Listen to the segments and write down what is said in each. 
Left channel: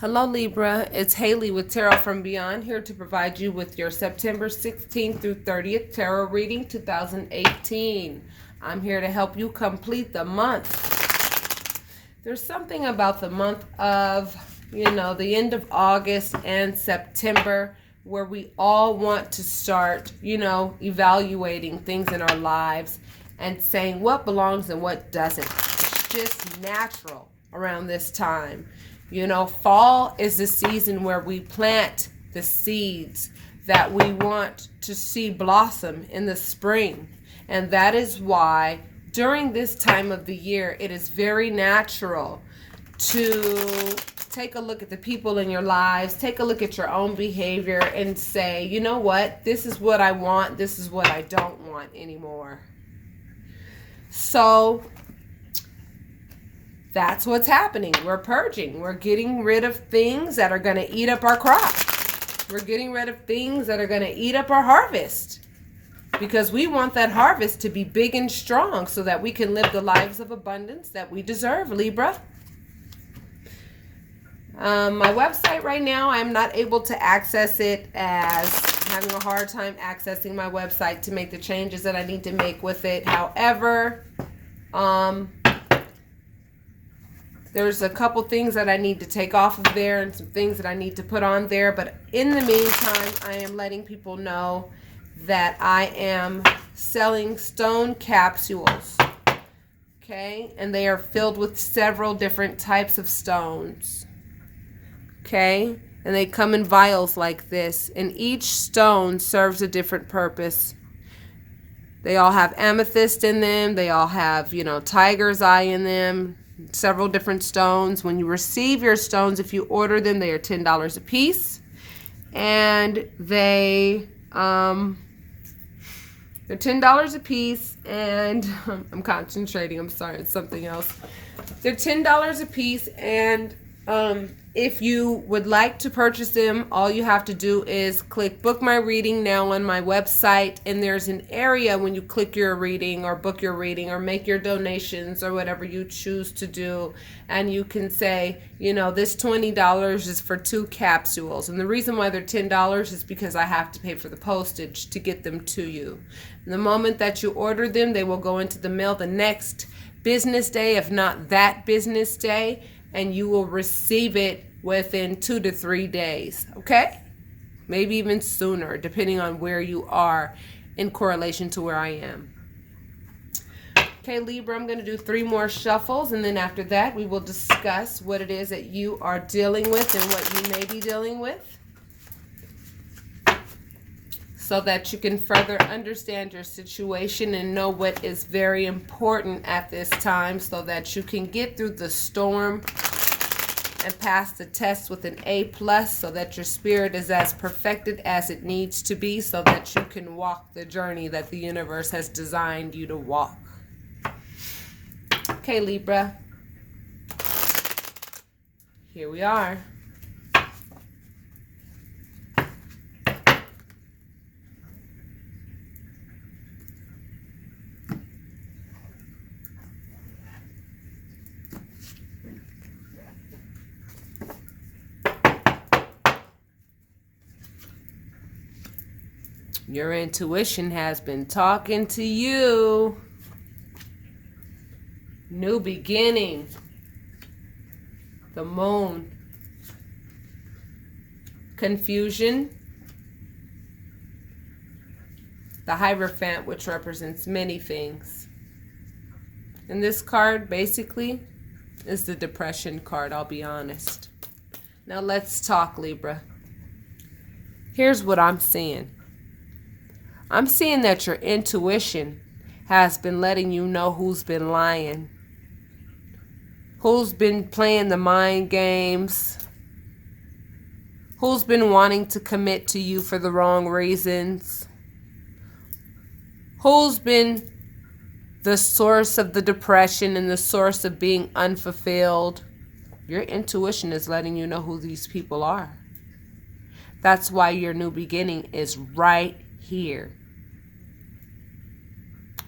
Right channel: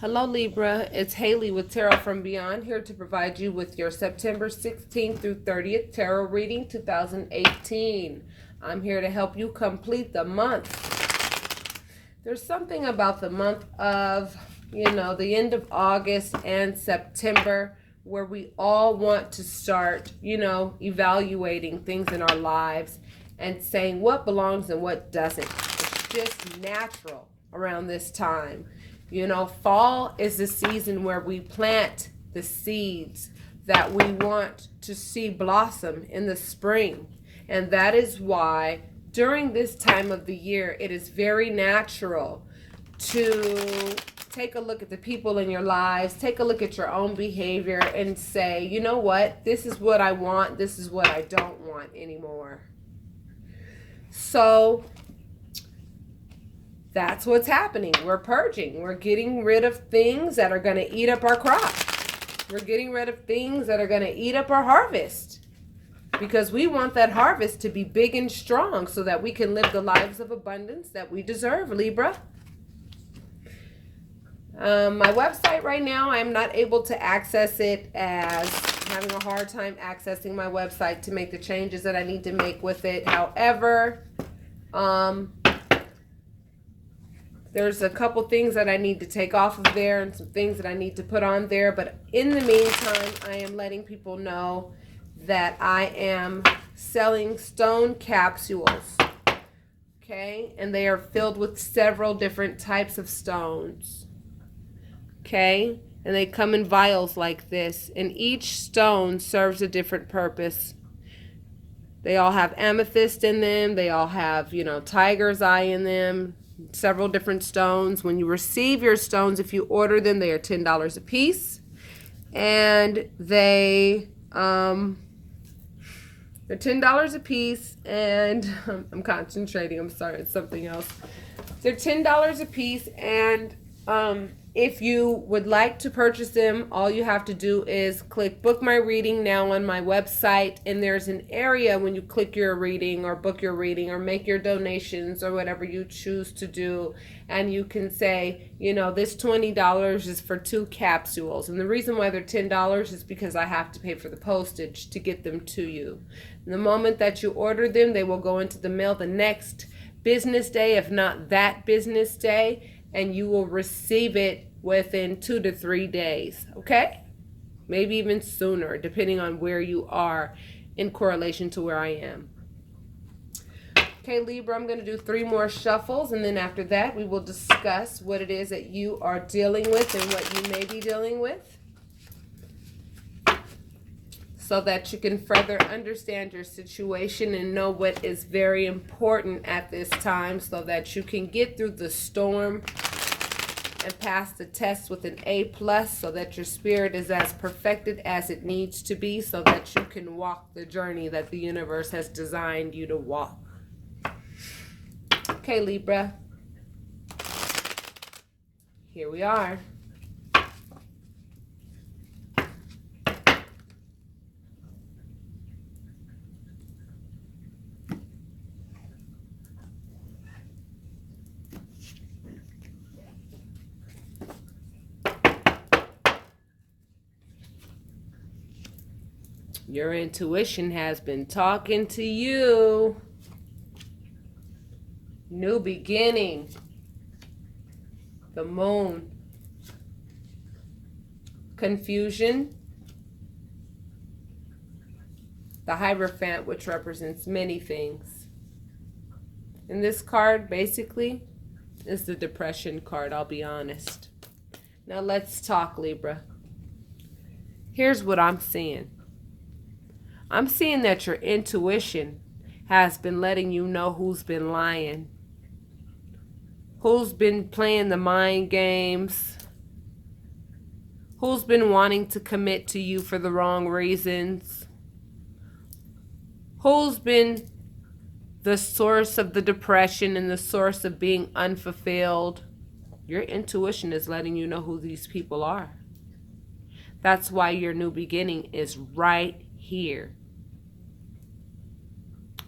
Hello Libra, it's Haley with Tarot from Beyond, here to provide you with your September 16th through 30th Tarot reading 2018. I'm here to help you complete the month. There's something about the month of, the end of August and September where we all want to start, evaluating things in our lives and saying what belongs and what doesn't. It's just natural around this time. Fall is the season where we plant the seeds that we want to see blossom in the spring. And that is why during this time of the year, it is very natural to take a look at the people in your lives, take a look at your own behavior and say, you know what, this is what I want, this is what I don't want anymore. So that's what's happening. We're purging. We're getting rid of things that are going to eat up our crop. We're getting rid of things that are going to eat up our harvest. Because we want that harvest to be big and strong so that we can live the lives of abundance that we deserve, Libra. My website right now, I'm not able to access it, as I'm having a hard time accessing my website to make the changes that I need to make with it. However, there's a couple things that I need to take off of there and some things that I need to put on there. But in the meantime, I am letting people know that I am selling stone capsules. Okay? And they are filled with several different types of stones. Okay? And they come in vials like this. And each stone serves a different purpose. They all have amethyst in them. They all have, tiger's eye in them. Several different stones. When you receive your stones, if you order them, they are $10 a piece, and they're $10 a piece. And I'm concentrating. I'm sorry, it's something else. They're $10 a piece, and if you would like to purchase them, all you have to do is click book my reading now on my website, and there's an area when you click your reading or book your reading or make your donations or whatever you choose to do, and you can say, this $20 is for 2 capsules. And the reason why they're $10 is because I have to pay for the postage to get them to you. And the moment that you order them, they will go into the mail the next business day, if not that business day, and you will receive it within 2 to 3 days, okay? Maybe even sooner, depending on where you are in correlation to where I am. Okay, Libra, I'm going to do 3 more shuffles, and then after that, we will discuss what it is that you are dealing with and what you may be dealing with, so that you can further understand your situation and know what is very important at this time, so that you can get through the storm and pass the test with an A+, so that your spirit is as perfected as it needs to be, so that you can walk the journey that the universe has designed you to walk. Okay, Libra. Here we are. Your intuition has been talking to you. New beginning. The moon. Confusion. The Hierophant, which represents many things. And this card basically is the depression card, I'll be honest. Now let's talk, Libra. Here's what I'm seeing. I'm seeing that your intuition has been letting you know who's been lying, who's been playing the mind games, who's been wanting to commit to you for the wrong reasons, who's been the source of the depression and the source of being unfulfilled. Your intuition is letting you know who these people are. That's why your new beginning is right here.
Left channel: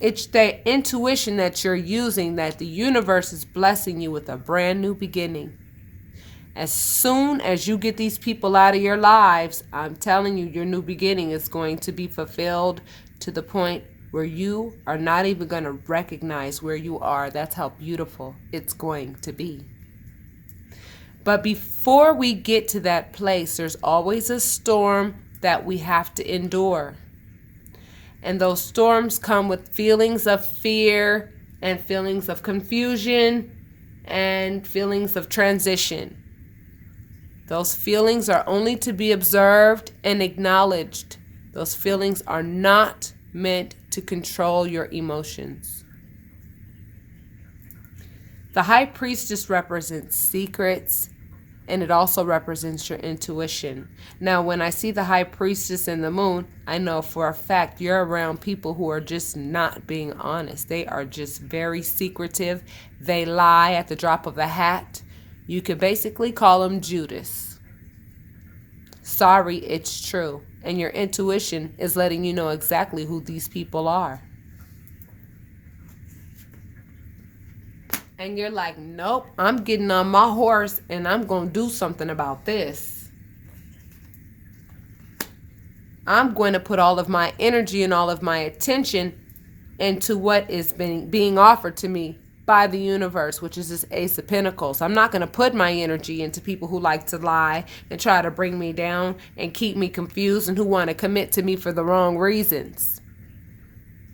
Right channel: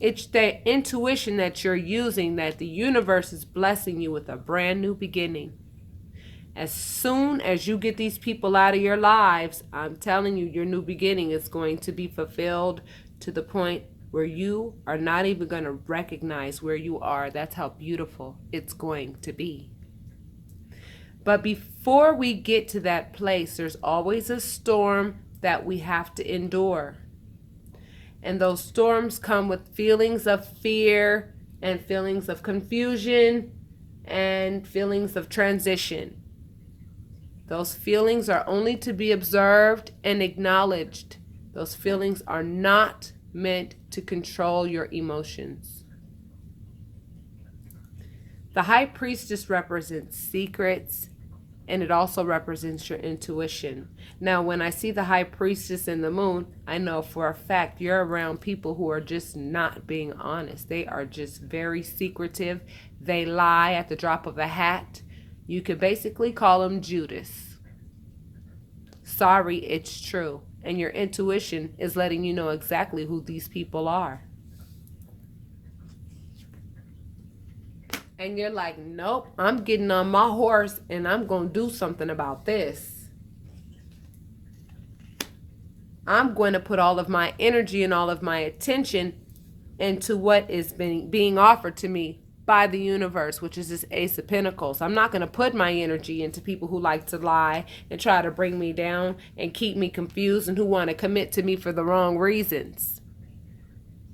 It's the intuition that you're using, that the universe is blessing you with a brand new beginning. As soon as you get these people out of your lives, I'm telling you, your new beginning is going to be fulfilled to the point where you are not even going to recognize where you are. That's how beautiful it's going to be. But before we get to that place, there's always a storm that we have to endure. And those storms come with feelings of fear and feelings of confusion and feelings of transition. Those feelings are only to be observed and acknowledged. Those feelings are not meant to control your emotions. The High Priestess represents secrets, and it also represents your intuition. Now, when I see the High Priestess in the moon, I know for a fact you're around people who are just not being honest. They are just very secretive. They lie at the drop of a hat. You could basically call them Judas. Sorry, it's true. And your intuition is letting you know exactly who these people are. And you're like, nope, I'm getting on my horse and I'm going to do something about this. I'm going to put all of my energy and all of my attention into what is being offered to me by the universe, which is this Ace of Pentacles. I'm not going to put my energy into people who like to lie and try to bring me down and keep me confused and who want to commit to me for the wrong reasons.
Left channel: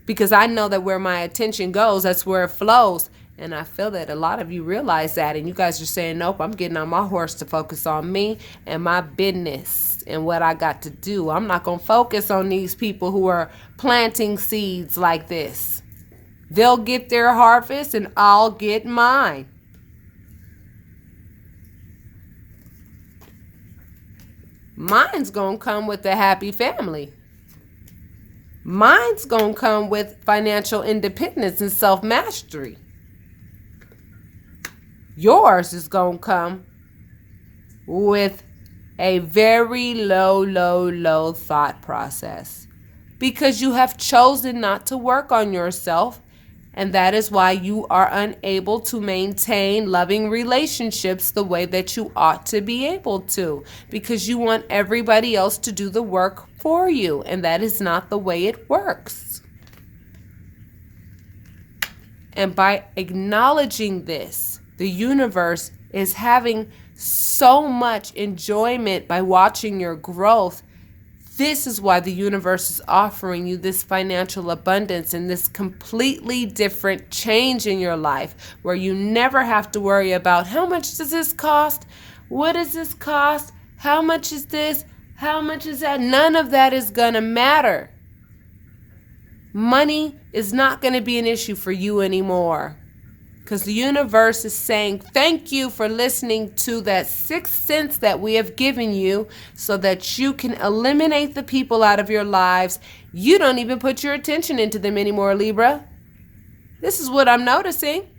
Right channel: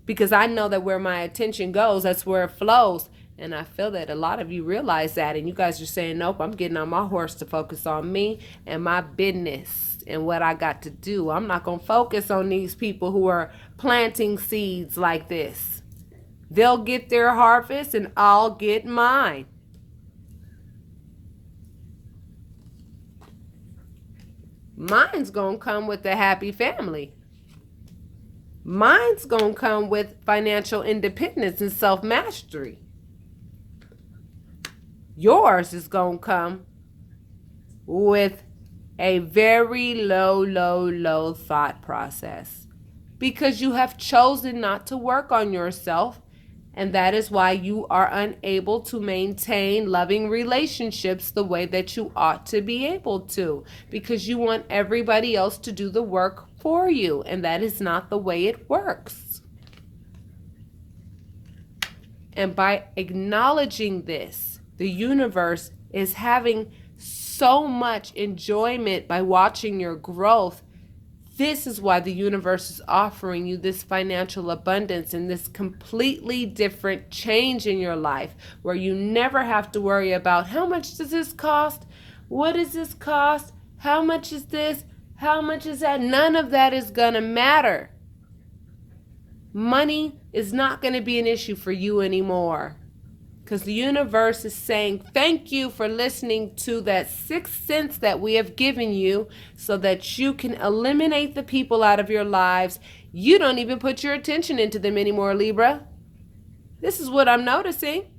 Because I know that where my attention goes, that's where it flows. And I feel that a lot of you realize that, and you guys are saying, nope, I'm getting on my horse to focus on me and my business and what I got to do. I'm not going to focus on these people who are planting seeds like this. They'll get their harvest and I'll get mine. Mine's going to come with a happy family. Mine's going to come with financial independence and self-mastery. Yours is going to come with a very low thought process because you have chosen not to work on yourself, and that is why you are unable to maintain loving relationships the way that you ought to be able to, because you want everybody else to do the work for you, and that is not the way it works. And by acknowledging this, the universe is having so much enjoyment by watching your growth. This is why the universe is offering you this financial abundance and this completely different change in your life, where you never have to worry about how much does this cost? What does this cost? How much is this? How much is that? None of that is going to matter. Money is not going to be an issue for you anymore. Because the universe is saying, thank you for listening to that sixth sense that we have given you so that you can eliminate the people out of your lives. You don't even put your attention into them anymore, Libra. This is what I'm noticing.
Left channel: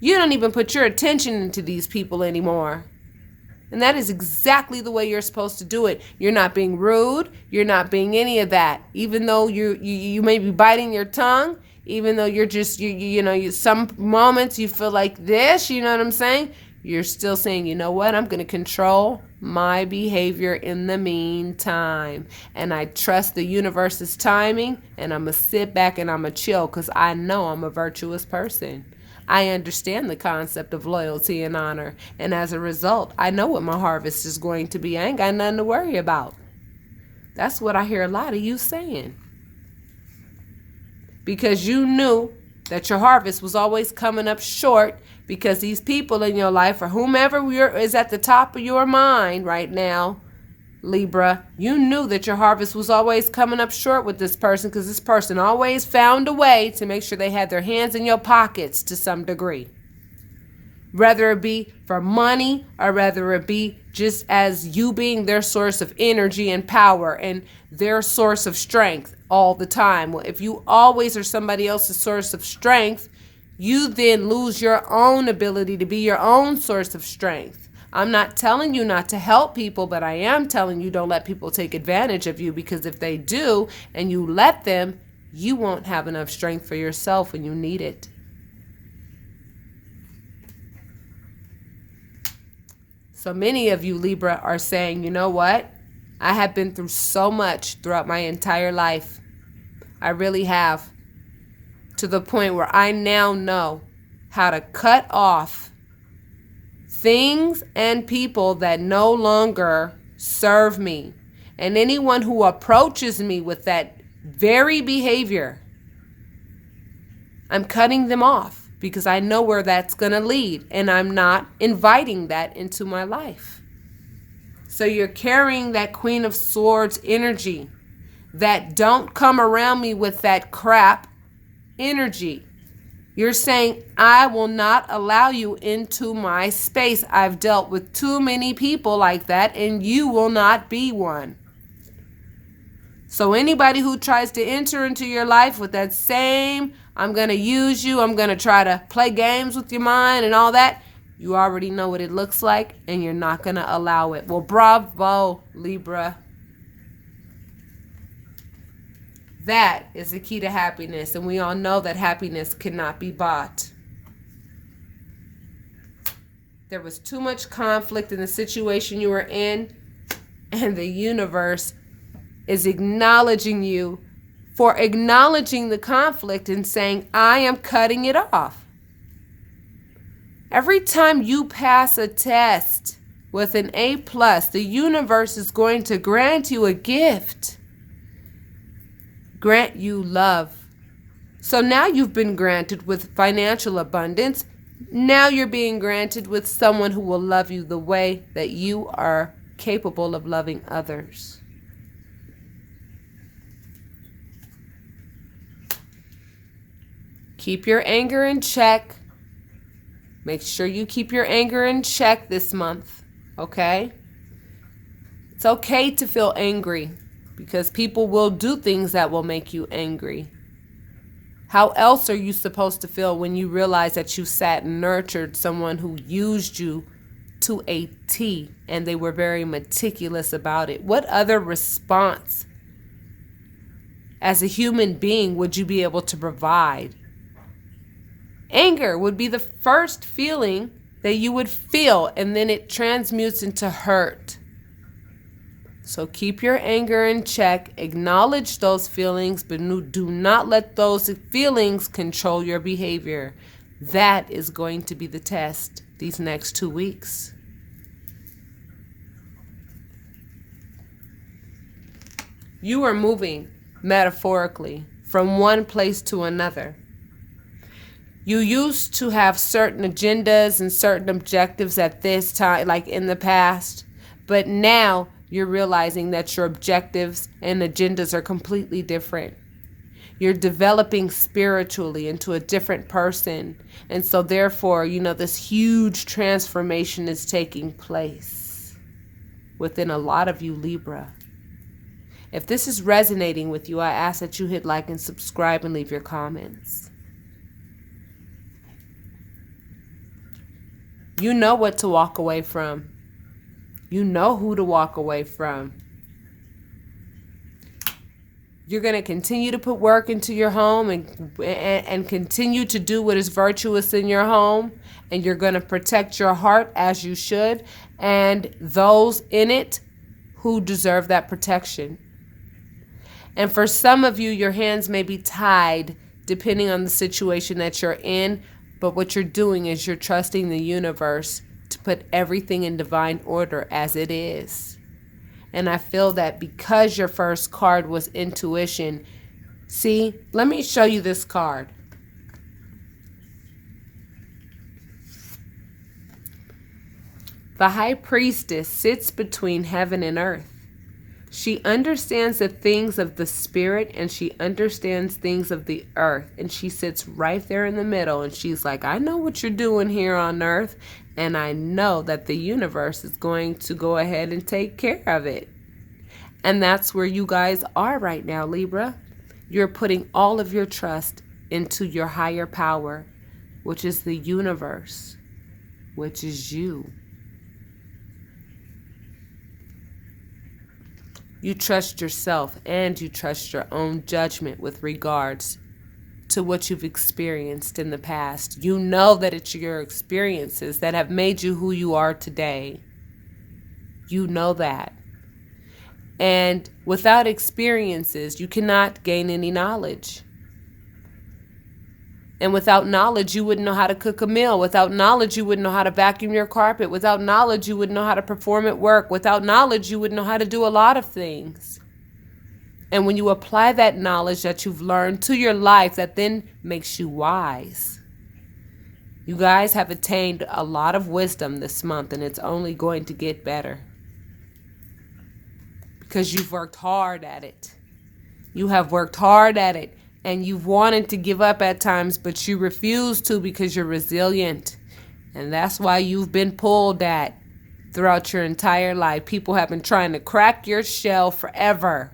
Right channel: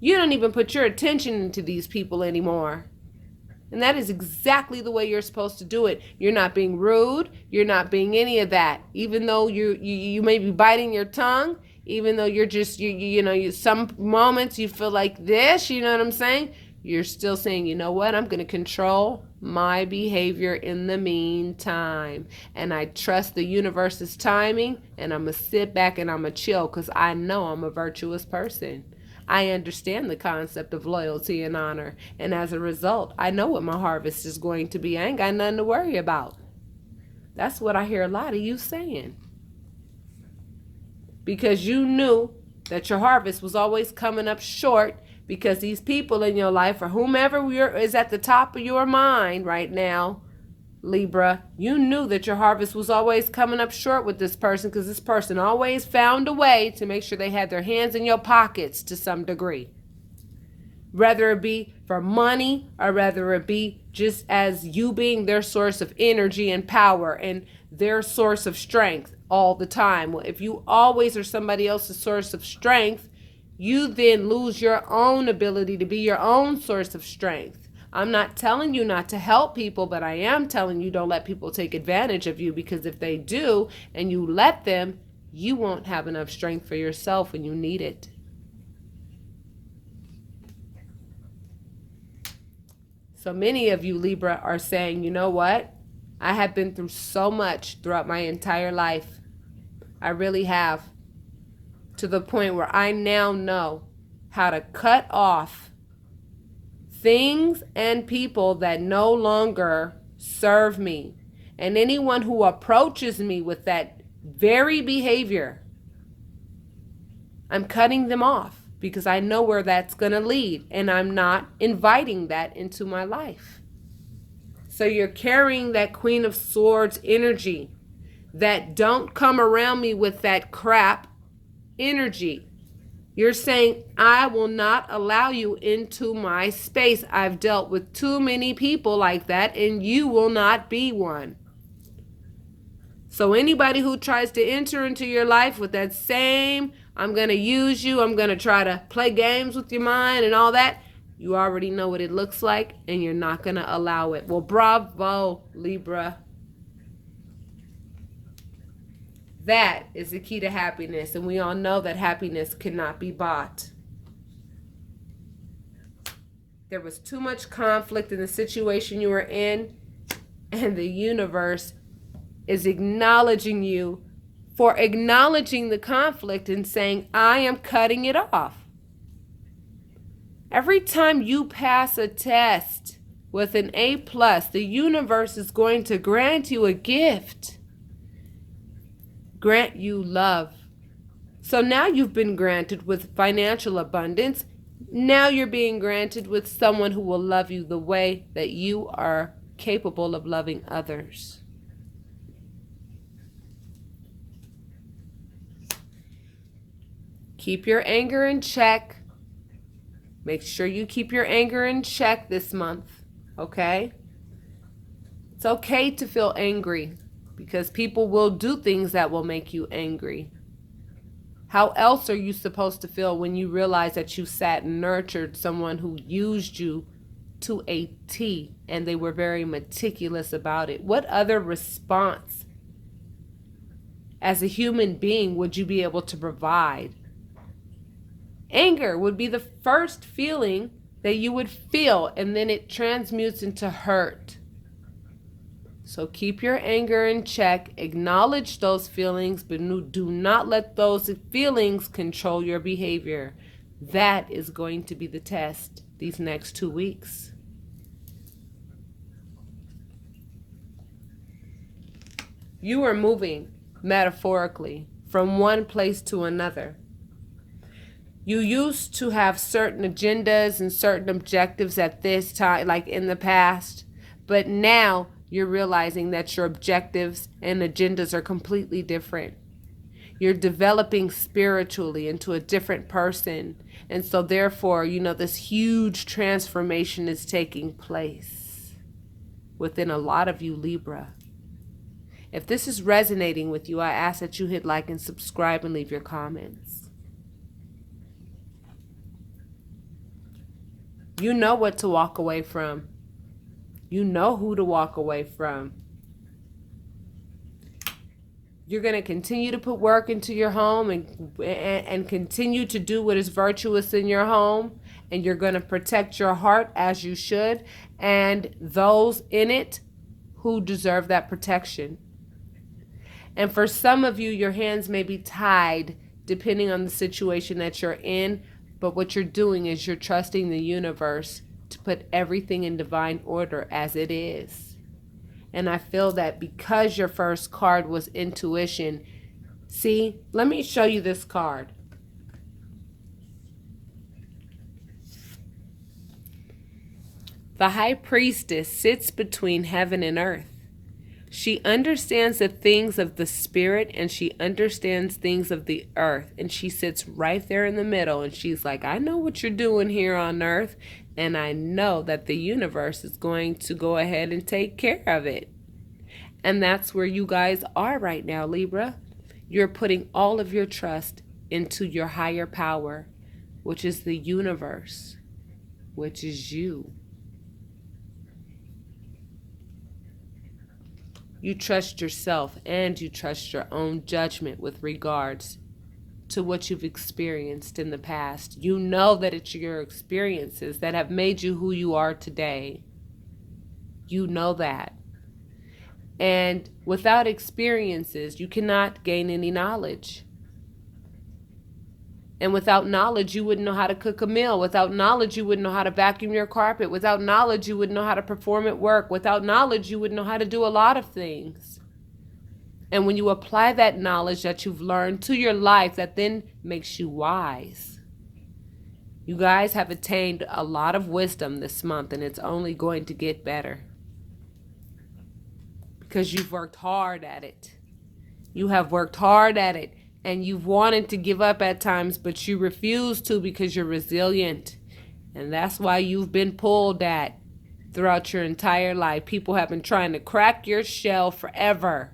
You don't even put your attention into these people anymore. And that is exactly the way you're supposed to do it. You're not being rude. You're not being any of that. Even though you may be biting your tongue. Even though you're just, some moments you feel like this, you know what I'm saying? You're still saying, you know what? I'm going to control my behavior in the meantime. And I trust the universe's timing, and I'm going to sit back and I'm going to chill because I know I'm a virtuous person. I understand the concept of loyalty and honor. And as a result, I know what my harvest is going to be. I ain't got nothing to worry about. That's what I hear a lot of you saying. Because you knew that your harvest was always coming up short, because these people in your life, or whomever is at the top of your mind right now, Libra, you knew that your harvest was always coming up short with this person, because this person always found a way to make sure they had their hands in your pockets to some degree. Whether it be for money, or whether it be just as you being their source of energy and power and their source of strength all the time. Well, if you always are somebody else's source of strength, you then lose your own ability to be your own source of strength. I'm not telling you not to help people, but I am telling you don't let people take advantage of you, because if they do and you let them, you won't have enough strength for yourself when you need it. So many of you, Libra, are saying, you know what? I have been through so much throughout my entire life. I really have. To the point where I now know how to cut off things and people that no longer serve me. And anyone who approaches me with that very behavior, I'm cutting them off because I know where that's going to lead, and I'm not inviting that into my life. So you're carrying that Queen of Swords energy, that don't come around me with that crap energy. You're saying, I will not allow you into my space. I've dealt with too many people like that, and you will not be one. So anybody who tries to enter into your life with that same, I'm going to use you, I'm going to try to play games with your mind and all that, you already know what it looks like, and you're not going to allow it. Well, bravo, Libra. That is the key to happiness, and we all know that happiness cannot be bought. There was too much conflict in the situation you were in, and the universe is acknowledging you for acknowledging the conflict and saying, I am cutting it off. Every time you pass a test with an A+, the universe is going to grant you a gift. Grant you love. So now you've been granted with financial abundance. Now you're being granted with someone who will love you the way that you are capable of loving others. Keep your anger in check. Make sure you keep your anger in check this month, okay? It's okay to feel angry because people will do things that will make you angry. How else are you supposed to feel when you realize that you sat and nurtured someone who used you to a T and they were very meticulous about it? What other response as a human being would you be able to provide? Anger would be the first feeling that you would feel, and then it transmutes into hurt. So keep your anger in check, acknowledge those feelings, but do not let those feelings control your behavior. That is going to be the test these next 2 weeks. You are moving metaphorically from one place to another. You used to have certain agendas and certain objectives at this time, like in the past, but now you're realizing that your objectives and agendas are completely different. You're developing spiritually into a different person. And so therefore, this huge transformation is taking place within a lot of you, Libra. If this is resonating with you, I ask that you hit like and subscribe and leave your comments. You know what to walk away from. You know who to walk away from. You're going to continue to put work into your home and continue to do what is virtuous in your home. And you're going to protect your heart as you should. And those in it who deserve that protection. And for some of you, your hands may be tied depending on the situation that you're in. But what you're doing is you're trusting the universe to put everything in divine order as it is. And I feel that because your first card was intuition, see, let me show you this card. The High Priestess sits between heaven and earth. She understands the things of the spirit and she understands things of the earth. And she sits right there in the middle and she's like, I know what you're doing here on earth. And I know that the universe is going to go ahead and take care of it. And that's where you guys are right now, Libra. You're putting all of your trust into your higher power, which is the universe, which is you. You trust yourself and you trust your own judgment with regards to what you've experienced in the past. You know that it's your experiences that have made you who you are today. You know that. And without experiences, you cannot gain any knowledge. And without knowledge, you wouldn't know how to cook a meal. Without knowledge, you wouldn't know how to vacuum your carpet. Without knowledge, you wouldn't know how to perform at work. Without knowledge, you wouldn't know how to do a lot of things. And when you apply that knowledge that you've learned to your life, that then makes you wise. You guys have attained a lot of wisdom this month, and it's only going to get better. Because you've worked hard at it. You have worked hard at it. And you've wanted to give up at times, but you refuse to because you're resilient. And that's why you've been pulled at throughout your entire life. People have been trying to crack your shell forever.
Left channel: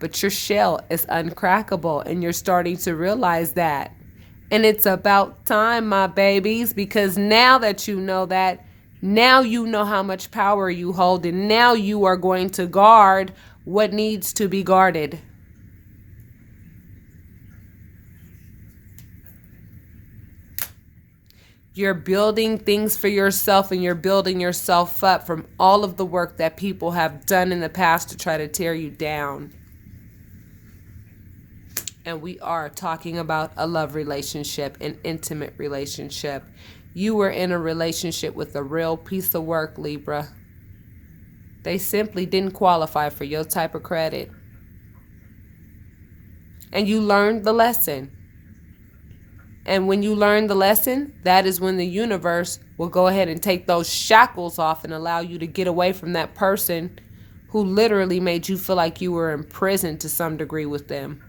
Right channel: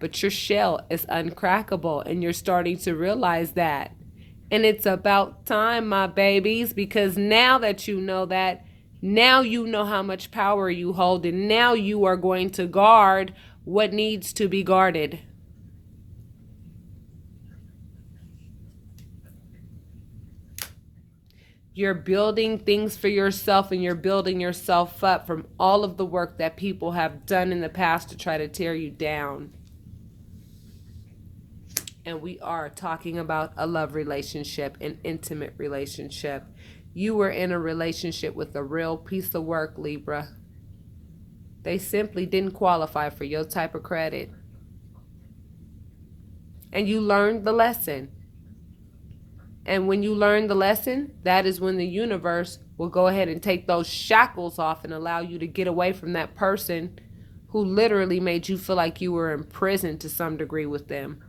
But your shell is uncrackable, and you're starting to realize that. And it's about time, my babies, because now that you know that, now you know how much power you hold, and now you are going to guard what needs to be guarded. You're building things for yourself, and you're building yourself up from all of the work that people have done in the past to try to tear you down. And we are talking about a love relationship, an intimate relationship. You were in a relationship with a real piece of work, Libra. They simply didn't qualify for your type of credit. And you learned the lesson. And when you learn the lesson, that is when the universe will go ahead and take those shackles off and allow you to get away from that person who literally made you feel like you were in prison to some degree with them.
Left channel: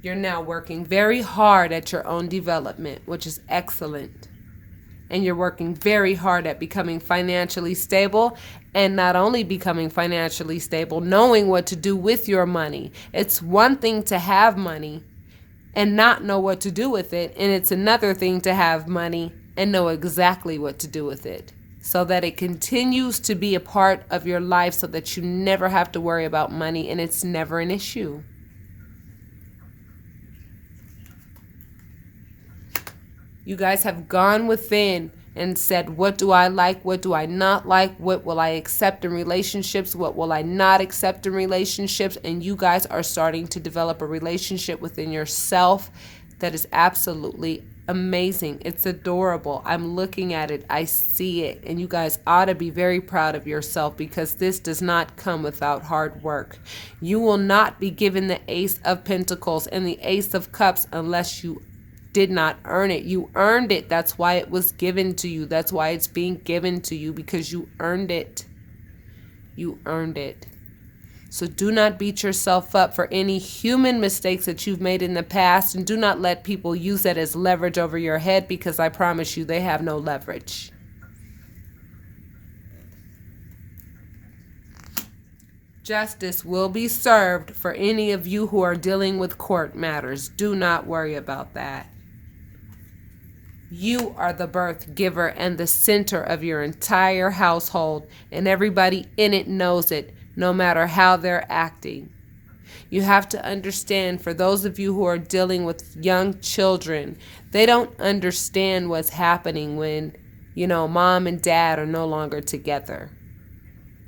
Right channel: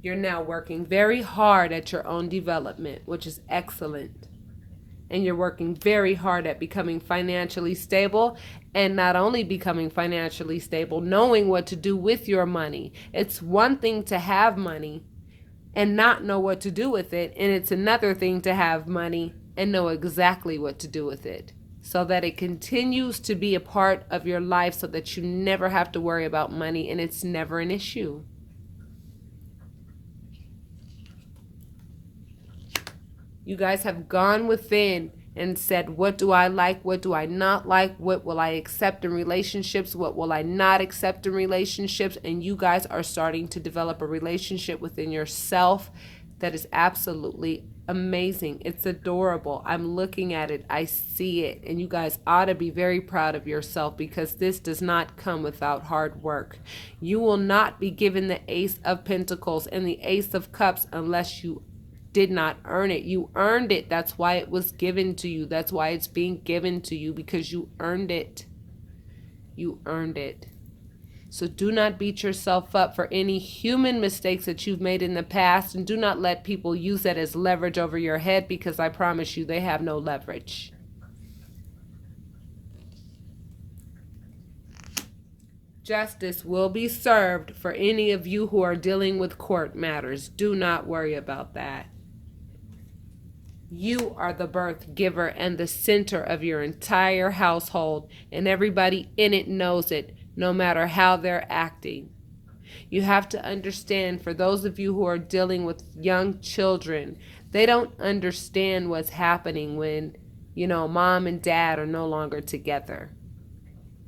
You're now working very hard at your own development, which is excellent. And you're working very hard at becoming financially stable, and not only becoming financially stable, knowing what to do with your money. It's one thing to have money and not know what to do with it, and it's another thing to have money and know exactly what to do with it, so that it continues to be a part of your life, so that you never have to worry about money and it's never an issue. You guys have gone within and said, what do I like? What do I not like? What will I accept in relationships? What will I not accept in relationships? And you guys are starting to develop a relationship within yourself that is absolutely amazing. It's adorable. I'm looking at it. I see it. And you guys ought to be very proud of yourself, because this does not come without hard work. You will not be given the Ace of Pentacles and the Ace of Cups unless you did not earn it. You earned it. That's why it was given to you. That's why it's being given to you, because you earned it. You earned it. So do not beat yourself up for any human mistakes that you've made in the past, and do not let people use that as leverage over your head, because I promise you they have no leverage. Justice will be served for any of you who are dealing with court matters. Do not worry about that. You are the birth giver and the center of your entire household, and everybody in it knows it, no matter how they're acting. You have to understand, for those of you who are dealing with young children, they don't understand what's happening when, mom and dad are no longer together.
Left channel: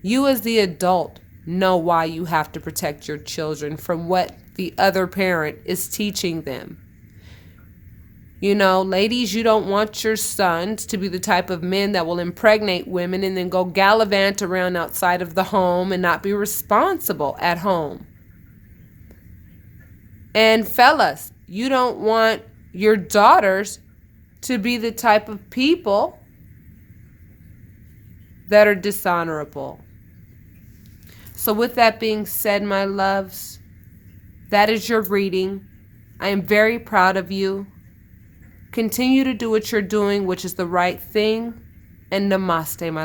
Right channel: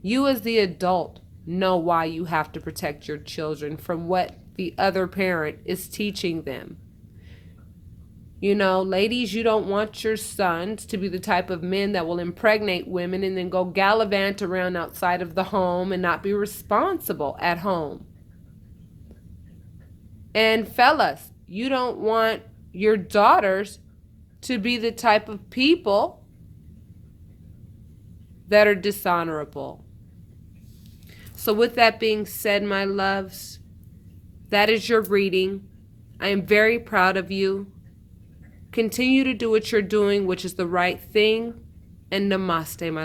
You as the adult know why you have to protect your children from what the other parent is teaching them. Ladies, you don't want your sons to be the type of men that will impregnate women and then go gallivant around outside of the home and not be responsible at home. And fellas, you don't want your daughters to be the type of people that are dishonorable. So with that being said, my loves, that is your reading. I am very proud of you. Continue to do what you're doing, which is the right thing. And namaste, my love.